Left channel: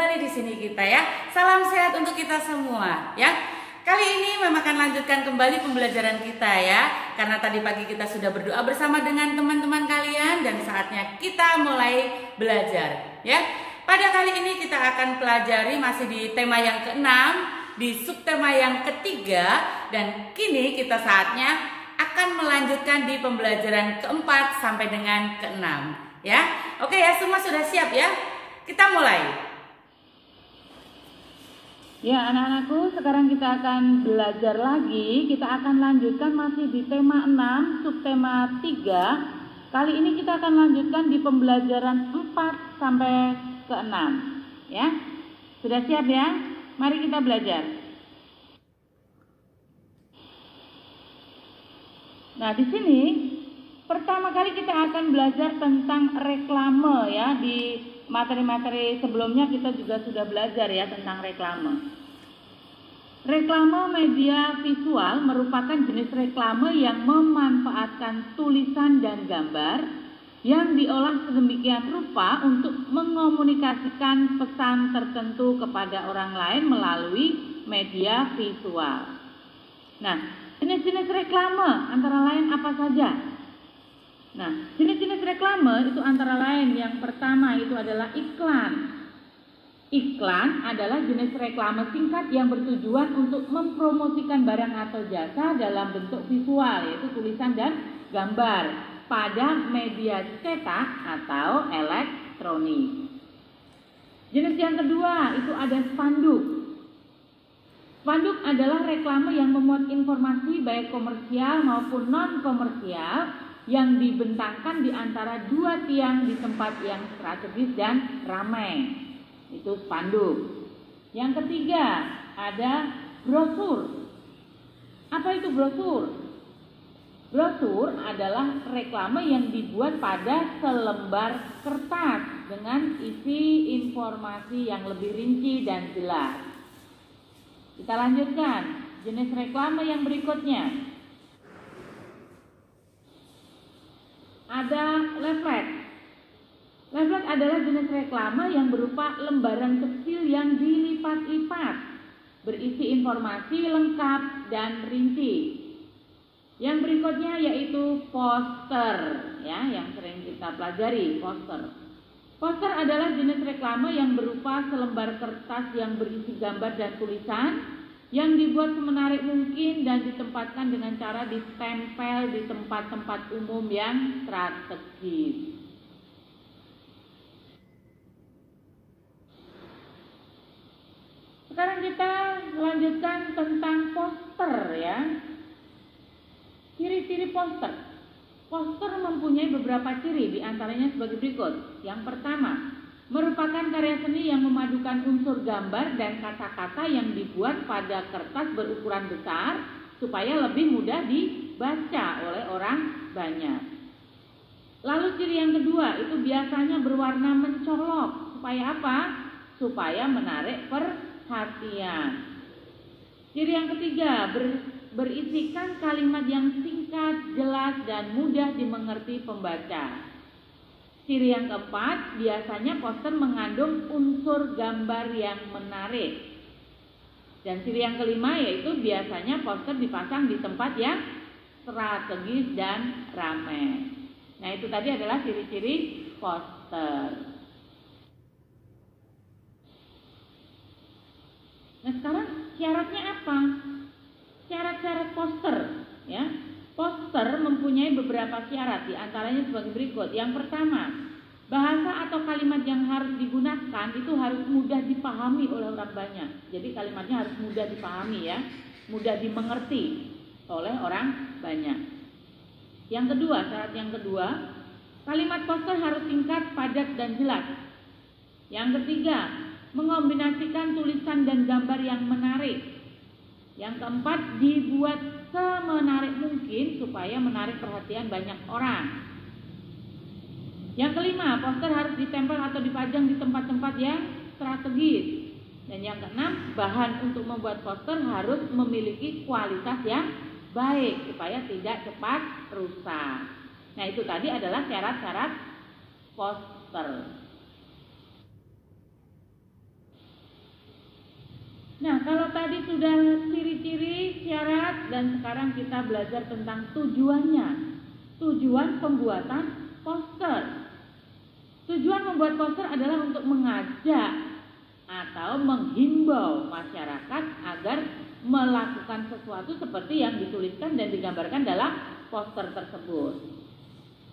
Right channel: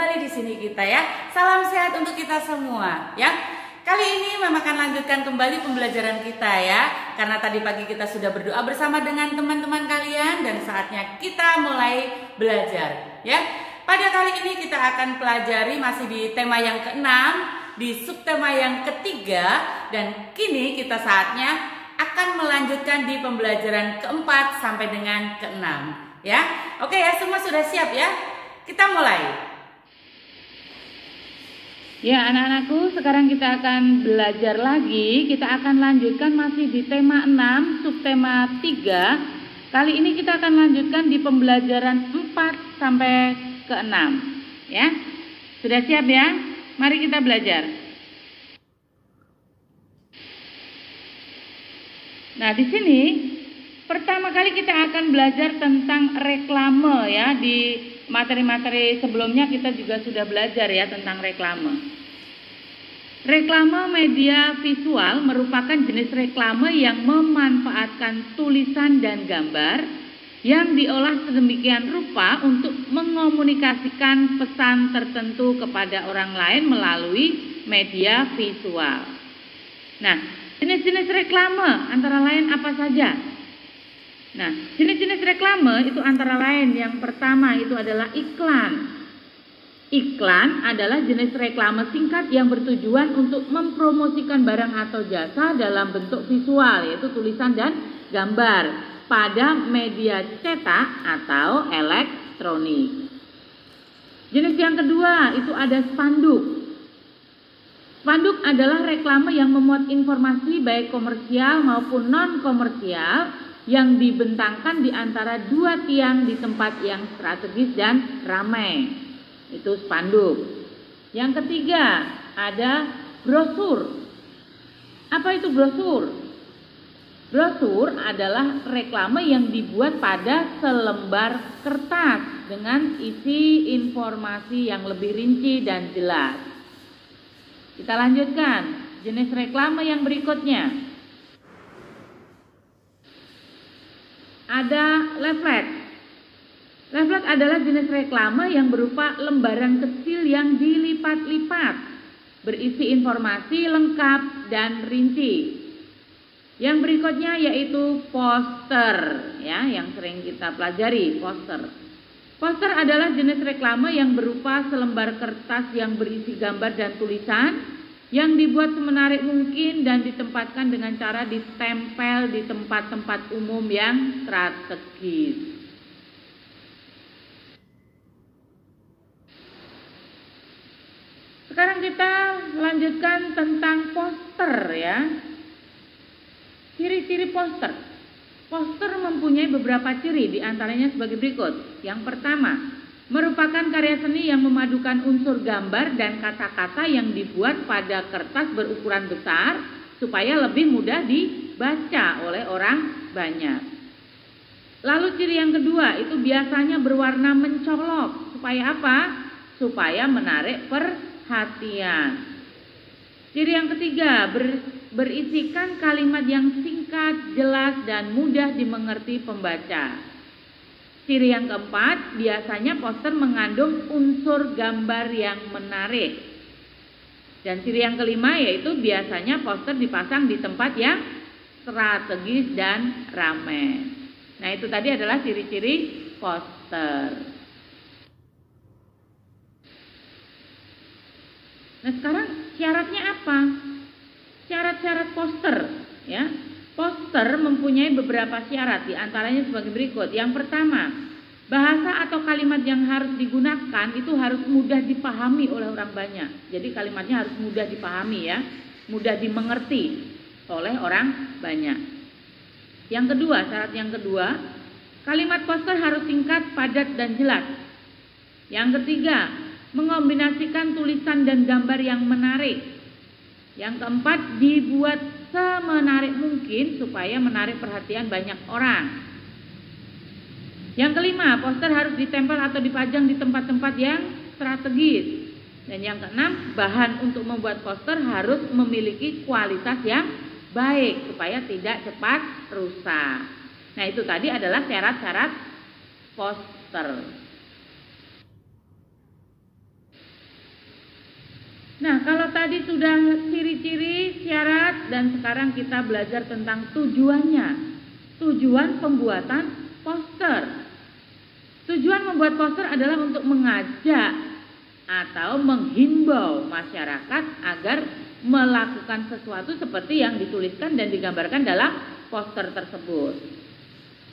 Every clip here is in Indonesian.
kembali di sini kita ya. Salam sehat untuk kita semua ya. Kali ini memang akan lanjutkan kembali pembelajaran kita ya. Karena tadi pagi kita sudah berdoa bersama dengan teman-teman kalian dan saatnya kita mulai belajar ya. Pada kali ini kita akan pelajari masih di tema yang ke-6, di subtema yang ketiga, dan kini kita saatnya akan melanjutkan di pembelajaran ke-4 sampai dengan ke-6 ya. Oke ya, semua sudah siap ya? Kita mulai. Ya anak-anakku, sekarang kita akan belajar lagi. Kita akan lanjutkan masih di tema 6, subtema 3. Kali ini kita akan lanjutkan di pembelajaran 4 sampai ke 6 ya. Sudah siap ya? Mari kita belajar. Nah, di sini pertama kali kita akan belajar tentang reklame ya. Di materi-materi sebelumnya kita juga sudah belajar ya tentang reklame. Reklame media visual merupakan jenis reklame yang memanfaatkan tulisan dan gambar yang diolah sedemikian rupa untuk mengomunikasikan pesan tertentu kepada orang lain melalui media visual. Nah, jenis-jenis reklame antara lain apa saja? Nah, jenis-jenis reklame itu antara lain yang pertama itu adalah iklan. Iklan adalah jenis reklame singkat yang bertujuan untuk mempromosikan barang atau jasa dalam bentuk visual, yaitu tulisan dan gambar pada media cetak atau elektronik. Jenis yang kedua itu ada spanduk. Spanduk adalah reklame yang memuat informasi baik komersial maupun non-komersial yang dibentangkan di antara dua tiang di tempat yang strategis dan ramai. Itu spanduk. Yang ketiga ada brosur. Apa itu brosur? Brosur adalah reklame yang dibuat pada selembar kertas dengan isi informasi yang lebih rinci dan jelas. Kita lanjutkan jenis reklame yang berikutnya. Ada leaflet. Leaflet adalah jenis reklame yang berupa lembaran kecil yang dilipat-lipat, berisi informasi lengkap dan rinci. Yang berikutnya yaitu poster, ya, yang sering kita pelajari, poster. Poster adalah jenis reklame yang berupa selembar kertas yang berisi gambar dan tulisan yang dibuat semenarik mungkin dan ditempatkan dengan cara ditempel di tempat-tempat umum yang strategis. Sekarang kita lanjutkan tentang poster ya. Ciri-ciri poster. Poster mempunyai beberapa ciri, diantaranya sebagai berikut. Yang pertama, merupakan karya seni yang memadukan unsur gambar dan kata-kata yang dibuat pada kertas berukuran besar supaya lebih mudah dibaca oleh orang banyak. Lalu ciri yang kedua itu biasanya berwarna mencolok. Supaya apa? Supaya menarik perhatian. Ciri yang ketiga berisikan kalimat yang singkat, jelas, dan mudah dimengerti pembaca. Ciri yang keempat, biasanya poster mengandung unsur gambar yang menarik. Dan ciri yang kelima yaitu biasanya poster dipasang di tempat yang strategis dan ramai. Nah, itu tadi adalah ciri-ciri poster. Nah, sekarang syaratnya apa? Syarat-syarat poster, ya. Poster mempunyai beberapa syarat, diantaranya sebagai berikut. Yang pertama, bahasa atau kalimat yang harus digunakan itu harus mudah dipahami oleh orang banyak. Jadi kalimatnya harus mudah dipahami ya, mudah dimengerti oleh orang banyak. Yang kedua, syarat yang kedua, kalimat poster harus singkat, padat, dan jelas. Yang ketiga, mengombinasikan tulisan dan gambar yang menarik. Yang keempat, dibuat semenarik mungkin supaya menarik perhatian banyak orang. Yang kelima, poster harus ditempel atau dipajang di tempat-tempat yang strategis. Dan yang keenam, bahan untuk membuat poster harus memiliki kualitas yang baik supaya tidak cepat rusak. Nah, itu tadi adalah syarat-syarat poster. Nah, kalau tadi sudah ciri-ciri, syarat, dan sekarang kita belajar tentang tujuannya. Tujuan pembuatan poster. Tujuan membuat poster adalah untuk mengajak atau menghimbau masyarakat agar melakukan sesuatu seperti yang dituliskan dan digambarkan dalam poster tersebut.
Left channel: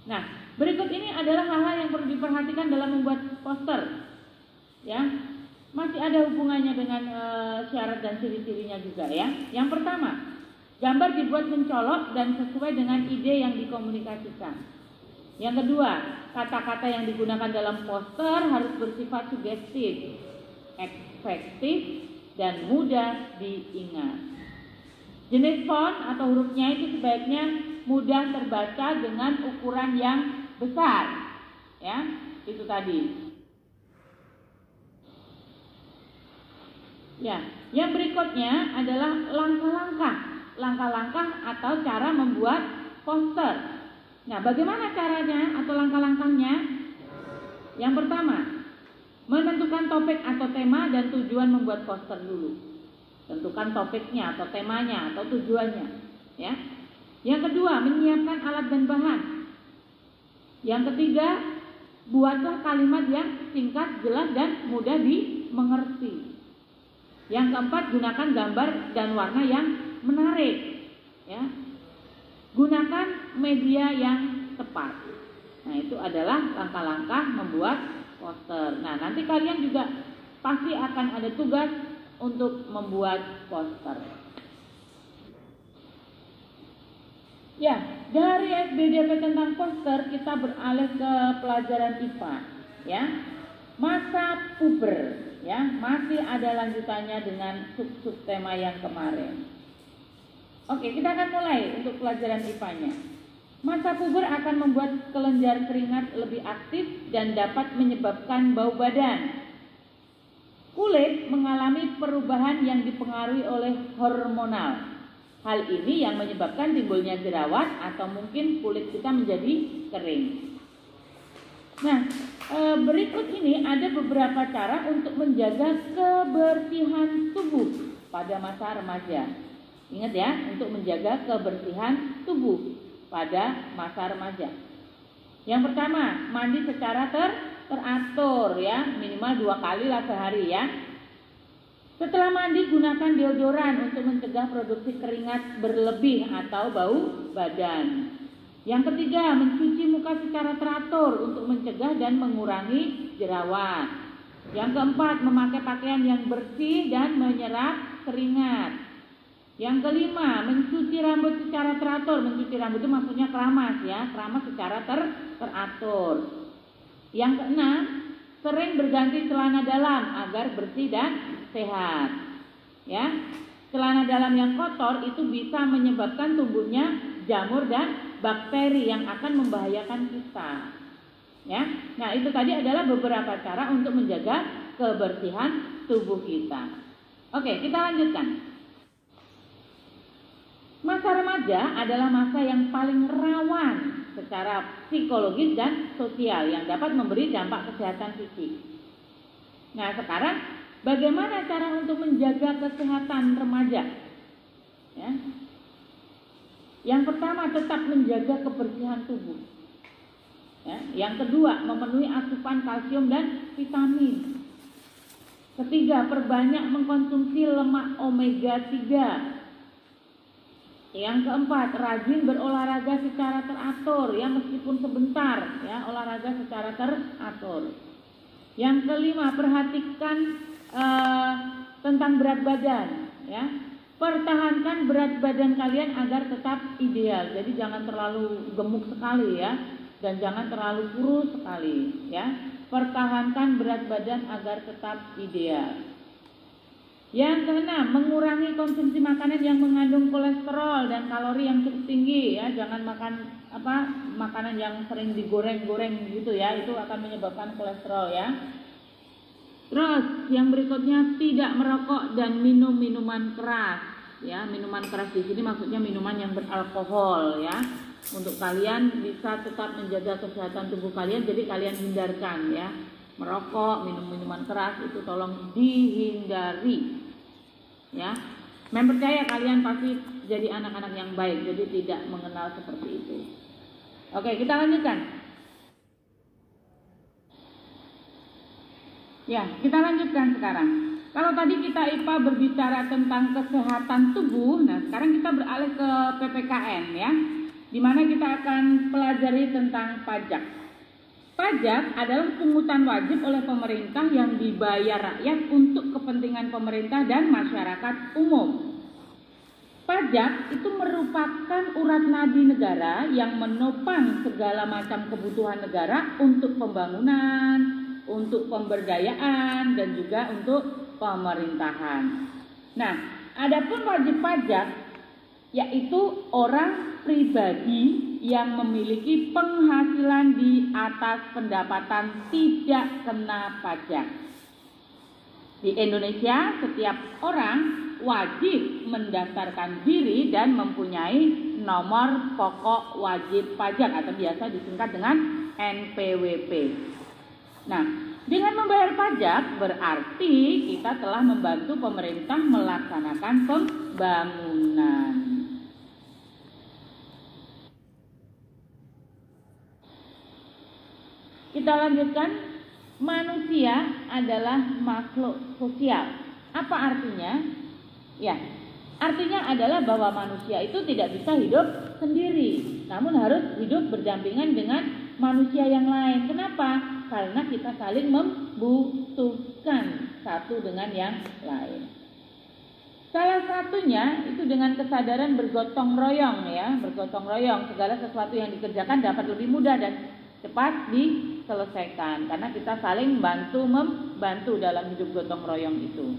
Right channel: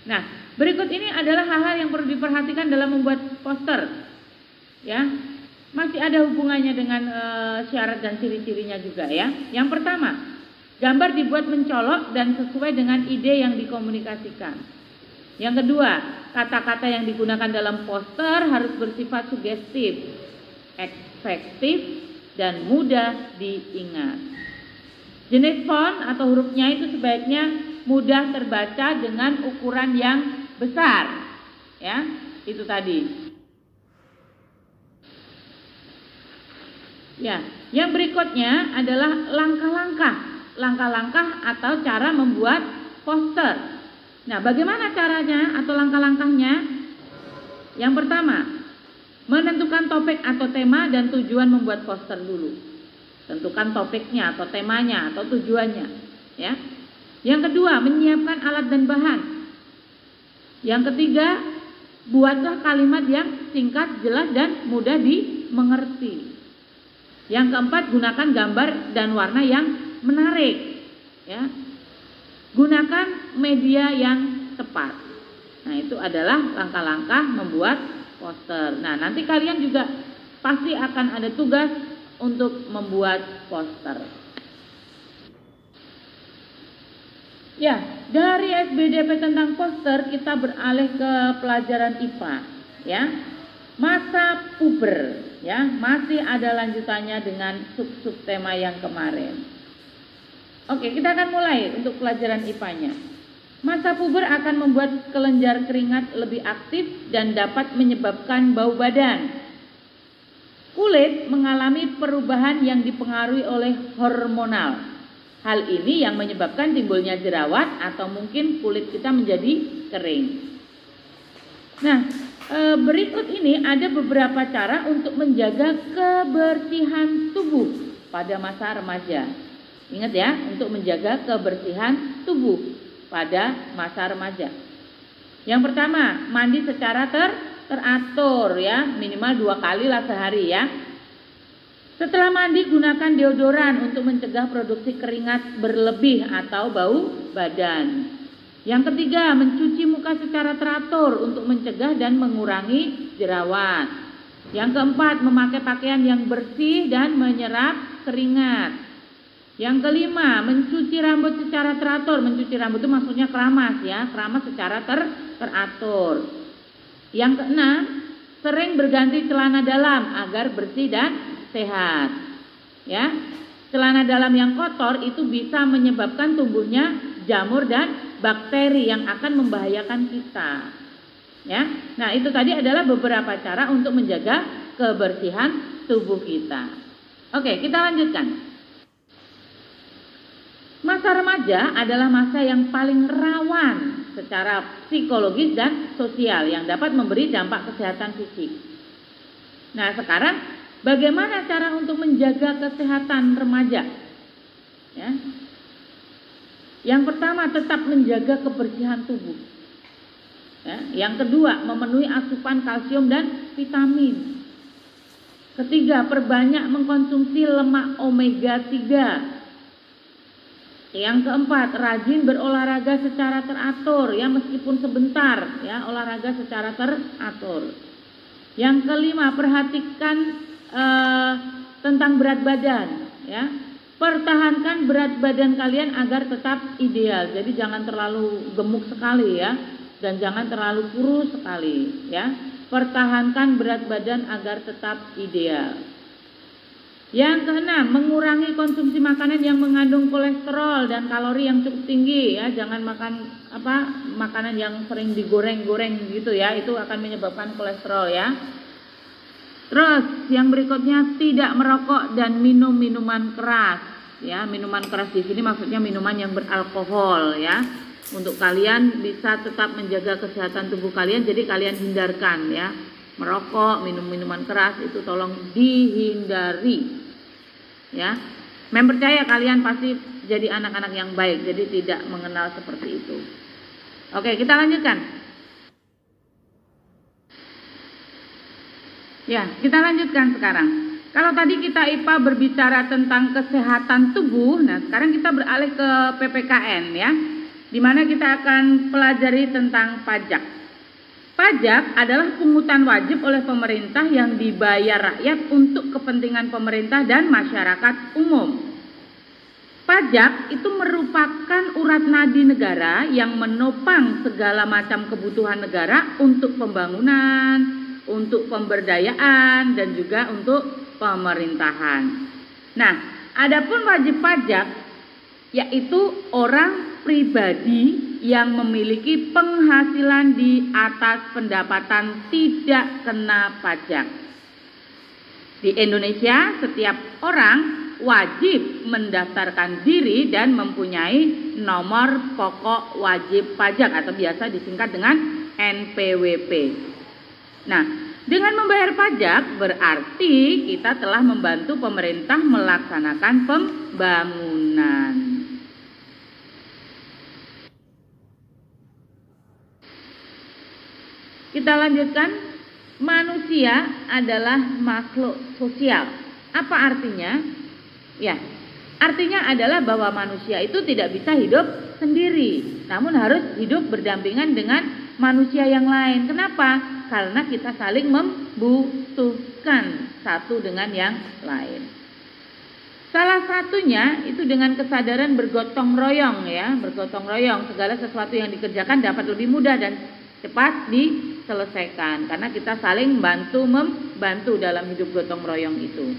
Nah, berikut ini adalah hal-hal yang perlu diperhatikan dalam membuat poster. Ya, masih ada hubungannya dengan syarat dan ciri-cirinya juga ya. Yang pertama, gambar dibuat mencolok dan sesuai dengan ide yang dikomunikasikan. Yang kedua, kata-kata yang digunakan dalam poster harus bersifat sugestif, efektif, dan mudah diingat. Jenis font atau hurufnya itu sebaiknya mudah terbaca dengan ukuran yang besar. Ya, itu tadi. Ya, yang berikutnya adalah langkah-langkah atau cara membuat poster. Nah, bagaimana caranya atau langkah-langkahnya? Yang pertama, menentukan topik atau tema dan tujuan membuat poster dulu. Tentukan topiknya atau temanya atau tujuannya, ya. Yang kedua, menyiapkan alat dan bahan. Yang ketiga, buatlah kalimat yang singkat, jelas dan mudah dimengerti. Yang keempat, gunakan gambar dan warna yang menarik, ya. Gunakan media yang tepat. Nah, itu adalah langkah-langkah membuat poster. Nah, nanti kalian juga pasti akan ada tugas untuk membuat poster. Ya, dari SBDP tentang poster kita beralih ke pelajaran IPA, ya. Masa puber, ya, masih ada lanjutannya dengan sub-sub tema yang kemarin. Oke, kita akan mulai untuk pelajaran IPA-nya. Masa puber akan membuat kelenjar keringat lebih aktif dan dapat menyebabkan bau badan. Kulit mengalami perubahan yang dipengaruhi oleh hormonal. Hal ini yang menyebabkan timbulnya jerawat atau mungkin kulit kita menjadi kering. Nah, berikut ini ada beberapa cara untuk menjaga kebersihan tubuh pada masa remaja. Ingat ya, untuk menjaga kebersihan tubuh pada masa remaja. Yang pertama, mandi secara teratur ya, minimal 2 kali lah sehari ya. Setelah mandi, gunakan deodoran untuk mencegah produksi keringat berlebih atau bau badan. Yang ketiga, mencuci muka secara teratur untuk mencegah dan mengurangi jerawat. Yang keempat, memakai pakaian yang bersih dan menyerap keringat. Yang kelima, mencuci rambut secara teratur. Mencuci rambut itu maksudnya keramas ya, keramas secara teratur. Yang keenam, sering berganti celana dalam agar bersih dan sehat. Ya, celana dalam yang kotor itu bisa menyebabkan tumbuhnya jamur dan bakteri yang akan membahayakan kita. Ya, nah itu tadi adalah beberapa cara untuk menjaga kebersihan tubuh kita. Oke, kita lanjutkan. Masa remaja adalah masa yang paling rawan secara psikologis dan sosial yang dapat memberi dampak kesehatan fisik. Nah, sekarang bagaimana cara untuk menjaga kesehatan remaja? Ya. Yang pertama, tetap menjaga kebersihan tubuh. Ya. Yang kedua, memenuhi asupan kalsium dan vitamin. Ketiga, perbanyak mengkonsumsi lemak omega 3. Yang keempat, rajin berolahraga secara teratur ya, meskipun sebentar ya, olahraga secara teratur. Yang kelima, perhatikan tentang berat badan ya. Pertahankan berat badan kalian agar tetap ideal. Jadi jangan terlalu gemuk sekali ya, dan jangan terlalu kurus sekali ya. Pertahankan berat badan agar tetap ideal. Yang keenam, mengurangi konsumsi makanan yang mengandung kolesterol dan kalori yang cukup tinggi ya. Jangan makan makanan yang sering digoreng-goreng gitu ya, itu akan menyebabkan kolesterol ya. Terus yang berikutnya, tidak merokok dan minum minuman keras ya. Minuman keras di sini maksudnya minuman yang beralkohol ya. Untuk kalian bisa tetap menjaga kesehatan tubuh kalian, jadi kalian hindarkan ya. Merokok, minum minuman keras itu tolong dihindari. Ya. Percaya kalian pasti jadi anak-anak yang baik, jadi tidak mengenal seperti itu. Oke, kita lanjutkan. Ya, kita lanjutkan sekarang. Kalau tadi kita IPA berbicara tentang kesehatan tubuh, nah sekarang kita beralih ke PPKN ya, di mana kita akan pelajari tentang pajak. Pajak adalah pungutan wajib oleh pemerintah yang dibayar rakyat untuk kepentingan pemerintah dan masyarakat umum. Pajak itu merupakan urat nadi negara yang menopang segala macam kebutuhan negara untuk pembangunan, untuk pemberdayaan, dan juga untuk pemerintahan. Nah, adapun wajib pajak yaitu orang pribadi yang memiliki penghasilan di atas pendapatan tidak kena pajak. Di Indonesia, setiap orang wajib mendaftarkan diri dan mempunyai nomor pokok wajib pajak atau biasa disingkat dengan NPWP. Nah, dengan membayar pajak berarti kita telah membantu pemerintah melaksanakan pembangunan. Kita lanjutkan. Manusia adalah makhluk sosial. Apa artinya? Ya, artinya adalah bahwa manusia itu tidak bisa hidup sendiri, namun harus hidup berdampingan dengan manusia yang lain. Kenapa? Karena kita saling membutuhkan satu dengan yang lain. Salah satunya itu dengan kesadaran bergotong royong ya, bergotong royong, segala sesuatu yang dikerjakan dapat lebih mudah dan cepat diselesaikan karena kita saling membantu dalam hidup gotong royong itu.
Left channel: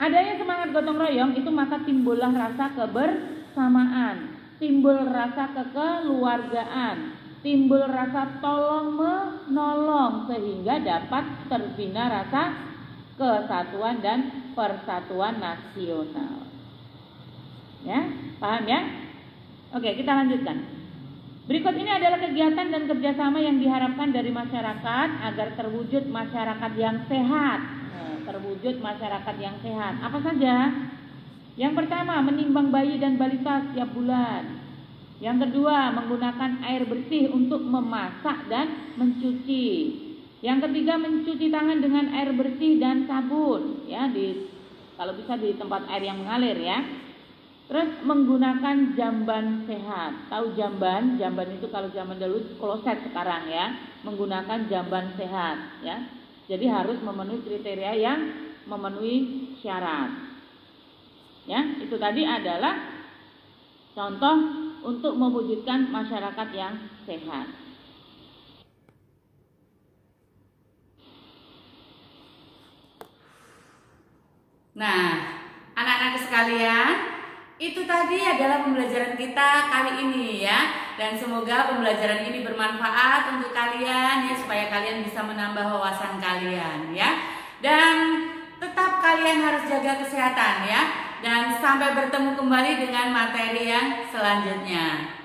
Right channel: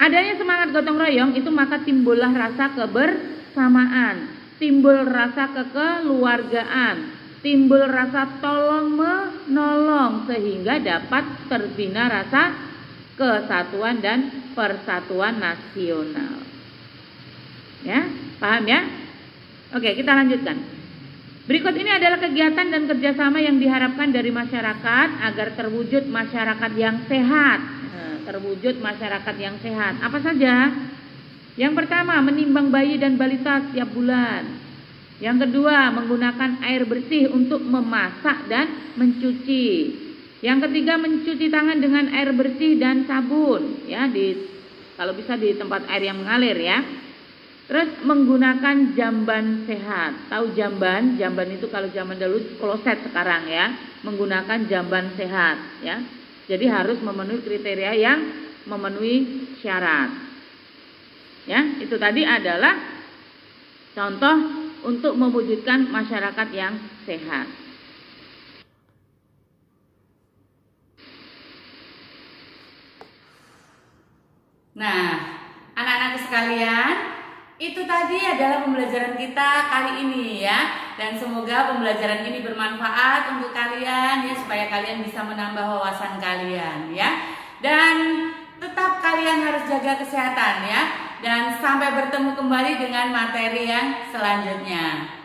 Adanya semangat gotong royong itu maka timbullah rasa kebersamaan, timbul rasa kekeluargaan, timbul rasa tolong menolong sehingga dapat terbina rasa kesatuan dan persatuan nasional. Ya, paham ya? Oke, kita lanjutkan. Berikut ini adalah kegiatan dan kerjasama yang diharapkan dari masyarakat agar terwujud masyarakat yang sehat. Terwujud masyarakat yang sehat. Apa saja? Yang pertama, menimbang bayi dan balita setiap bulan. Yang kedua, menggunakan air bersih untuk memasak dan mencuci. Yang ketiga, mencuci tangan dengan air bersih dan sabun. Ya, kalau bisa di tempat air yang mengalir ya. Terus menggunakan jamban sehat. Tahu jamban? Jamban itu kalau zaman dulu kloset sekarang ya. Menggunakan jamban sehat ya. Jadi harus memenuhi kriteria yang memenuhi syarat. Ya, itu tadi adalah contoh untuk mewujudkan masyarakat yang sehat. Nah, anak-anak sekalian, itu tadi adalah pembelajaran kita kali ini ya. Dan semoga pembelajaran ini bermanfaat untuk kalian ya, supaya kalian bisa menambah wawasan kalian ya. Dan tetap kalian harus jaga kesehatan ya. Dan sampai bertemu kembali dengan materi yang selanjutnya.